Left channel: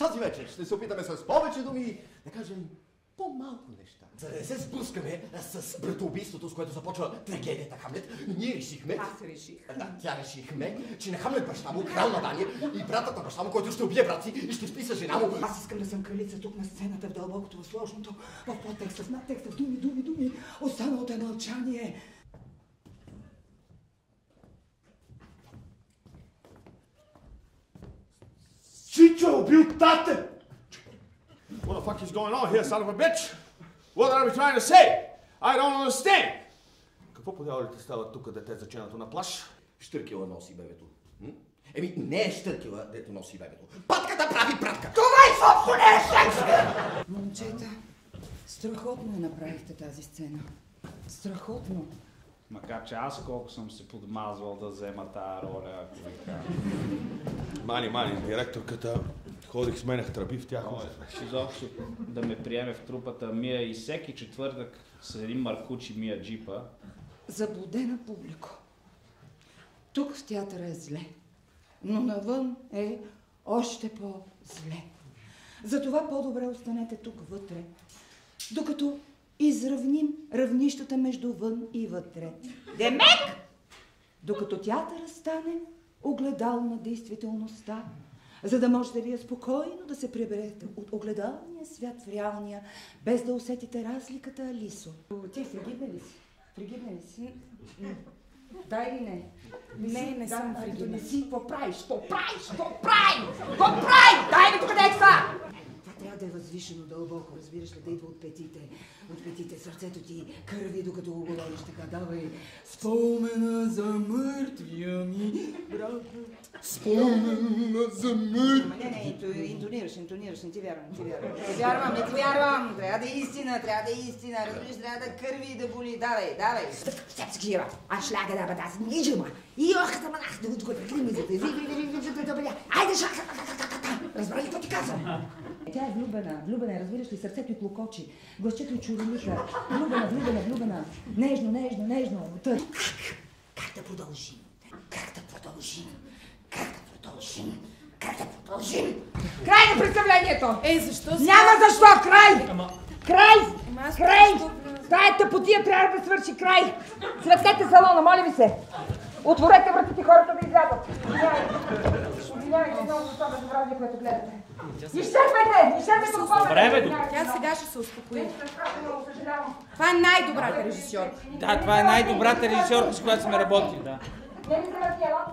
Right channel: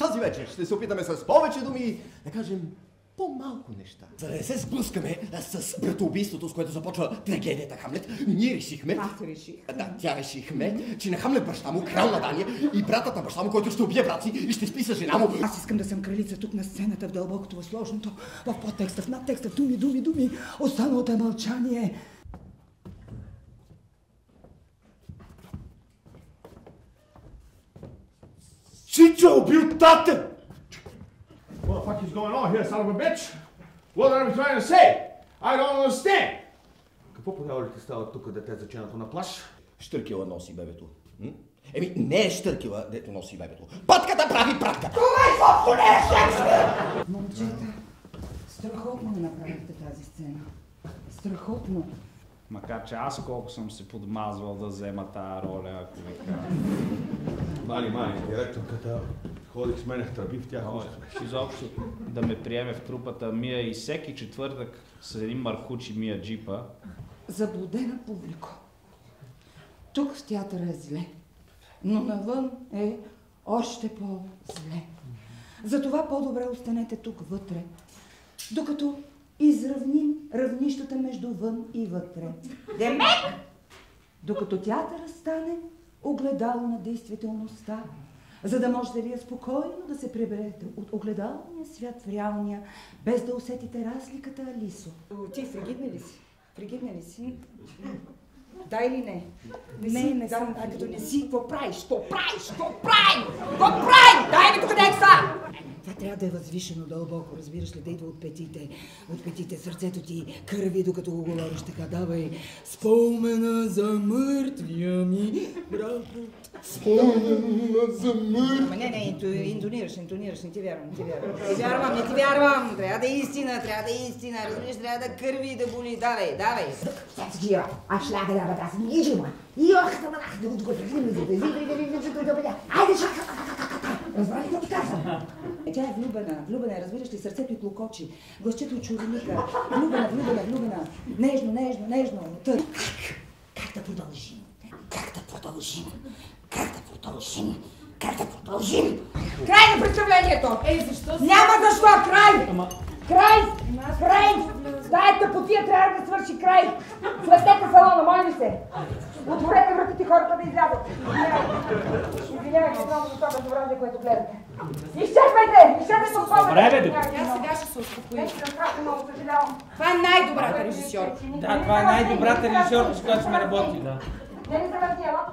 Тази вечер ще се опитаме с повече думи да кажем по-малко неща. За да не се сблъскаме с братоубийството, с което започва трагедията Хамлет, ние решихме... Аз реших. Да, тя решихме, че на Хамлет баща му, крал на Дания, и братът на баща му, който ще убие брат си и ще спи с жена му. Аз искам да съм кралица тук на сцената, в дълбокото, в сложното, в подтекста, в надтекста, в думи, думи, думи. Останалото е мълчание. Чичо е убил тате! What the fuck is going on here, son of a bitch? What are we trying to say? I don't understand. Какво по дяволите става тук, дете заченато на плаж? Штъркела носи бебето. Еми, не е Штъркела, дето носи бебето. Патката прави пратка. Това е изобщо не е Шекспир! Момчета, страхотно направихте тази сцена. Страхотно. Макар че аз колко съм се подмазвал да взема тази роля, ако ви кажа. Мани, директорката ходих, сменях тръби в тях. Изобщо да ме приеме в трупата Мия и всеки четвъртък с един маркучи Мия джипа. Заблудена публика. Тук в театъра е зле, но навън е още по-зле. Затова по-добре останете тук вътре, докато изравним равнищата между вън и вътре. Демек! Докато театъра стане огледало на действителността, за да можете вие спокойно да се приберете от огледалния свят в реалния, без да усетите разликата, Алисо. Ти фригидна ли си? Фригидна ли си? Да или не? Не съм. А като не си, какво правиш? Какво правиш? Какво правиш? Какво правиш? Дай ми покъде това! Това трябва да е възвишено дълбоко, разбираш ли, да идва от петите, сърцето ти кърви, докато го говориш така. Давай, спомена за мъртвия ми брат. Спомена за мъртвия. Ама не, интонираш, не ти вярвам. Не ти вярвам. Трябва да е истина, разбираш, трябва да кърви и да боли. Давай. Сега, аз ще да бъда, аз не иджима. И ох, да бъдах, да го айде, разбрали какво ти казвам? Тя е влюбена, разбираш ли, сърцето й клокочи, гласчето чурелика, влюбена, нежно. Как да продължим? Край на представлението! Защо? Няма защо! Край! Тая тъпотия трябва да свърши край! Светете салона, моля ви се! Отворете вратите, хората да излязат! Извинявайте много за това безобразие, което гледате. Изчерпайте от това! Тя сега ще се успокои. Това е най-добрата режисьорка. Да, това е най-добрата режисьорка, с която сме работили. Не ми се върти, елата